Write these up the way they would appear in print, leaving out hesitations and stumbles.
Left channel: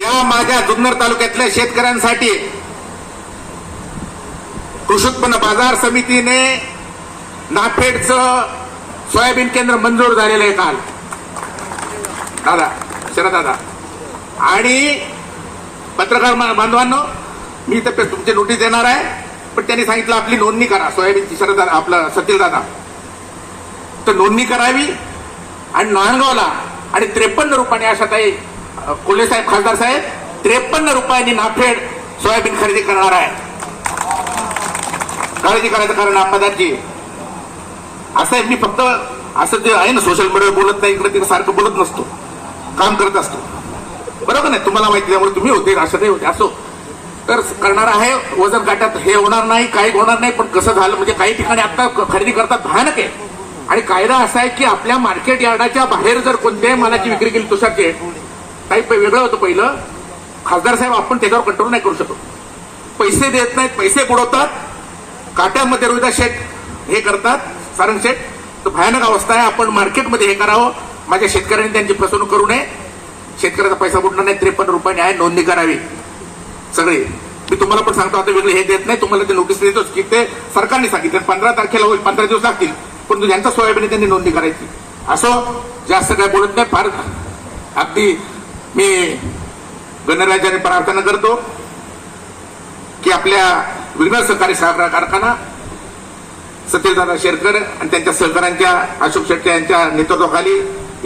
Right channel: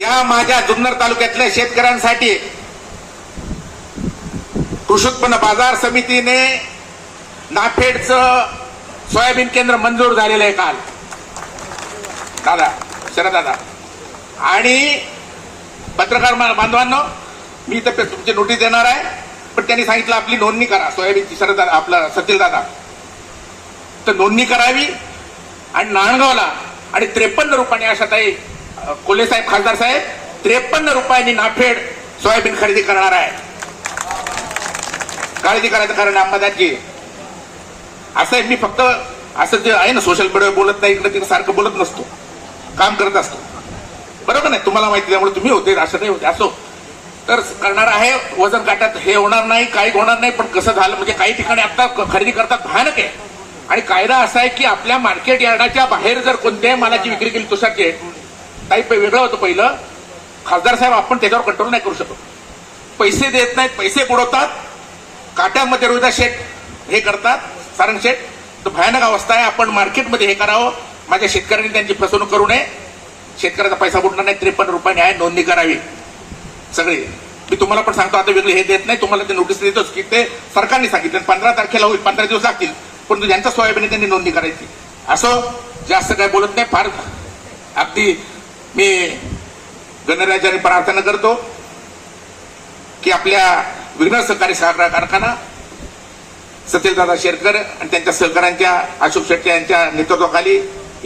या माझ्या जुन्नर तालुक्यातल्या शेतकऱ्यांसाठी कृषी उत्पन्न बाजार समितीने नाफेडचं सोयाबीन केंद्र मंजूर झालेलं आहे काल दादा शरद दादा आणि पत्रकार बांधवांनो मी इथे तुमची नोटीस देणार आहे पण त्यांनी सांगितलं आपली नोंदणी करा सोयाबीनची शरद दादा आपलं सतील दादा तर नोंदणी करावी आणि नांदगावला आणि 53 रुपयाने आशाताई कोल्हे साहेब खासदार साहेब 53 रुपयांनी नाफेड सोयाबीन खरेदी करणार आहे. काळजी करायचं कारण आपदाची असं आहे. मी फक्त असं जे आहे ना सोशल मीडियावर बोलत नाही इकडे तिकडे सारखं बोलत नसतो काम करत असतो बरोबर नाही तुम्हाला माहिती त्यामुळे तुम्ही होते असं नाही होते असो तर करणार आहे. वजन काट्यात हे होणार नाही काही होणार नाही पण कसं झालं म्हणजे काही ठिकाणी आता खरेदी करतात भयानक आहे आणि कायदा असा आहे की आपल्या मार्केट यार्डाच्या बाहेर जर कोणत्याही मालाची विक्री केली तुषारचे काही वेगळं होतं पहिलं खासदार साहेब आपण त्याच्यावर कंट्रोल नाही करू शकत. पैसे देत नाहीत पैसे बुडवतात काट्यामध्ये रोहिदा शेठ हे करतात सारंग शेठ तर भयानक अवस्था आहे. आपण मार्केटमध्ये हे करावं माझ्या शेतकऱ्यांनी त्यांची फसवणूक करू नये. शेतकऱ्याचा पैसा बुडणार नाही 53 रुपयाने आहे नोंदणी करावी सगळे. मी तुम्हाला पण सांगतो आता वेगळे हे देत नाही तुम्हाला ते नोटीस देतोच की ते सरकारने सांगितलं 15 तारखेला होईल 15 दिवस लागतील पण ज्यांचा सोयाबीन त्यांनी नोंदणी करायची. असो जास्त काय बोलत नाही फार अगदी मी गणराज्याने प्रार्थना करतो की आपल्या विघ्न सहकारी साखर कारखाना सतीलदादा शेरकर आणि त्यांच्या सहकाऱ्यांच्या अशोक शेट्टी यांच्या नेतृत्वाखाली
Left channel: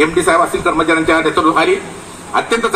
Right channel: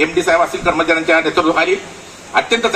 MD साहेब असतील कर्मचाऱ्यांच्या नेतृत्वाखाली अत्यंत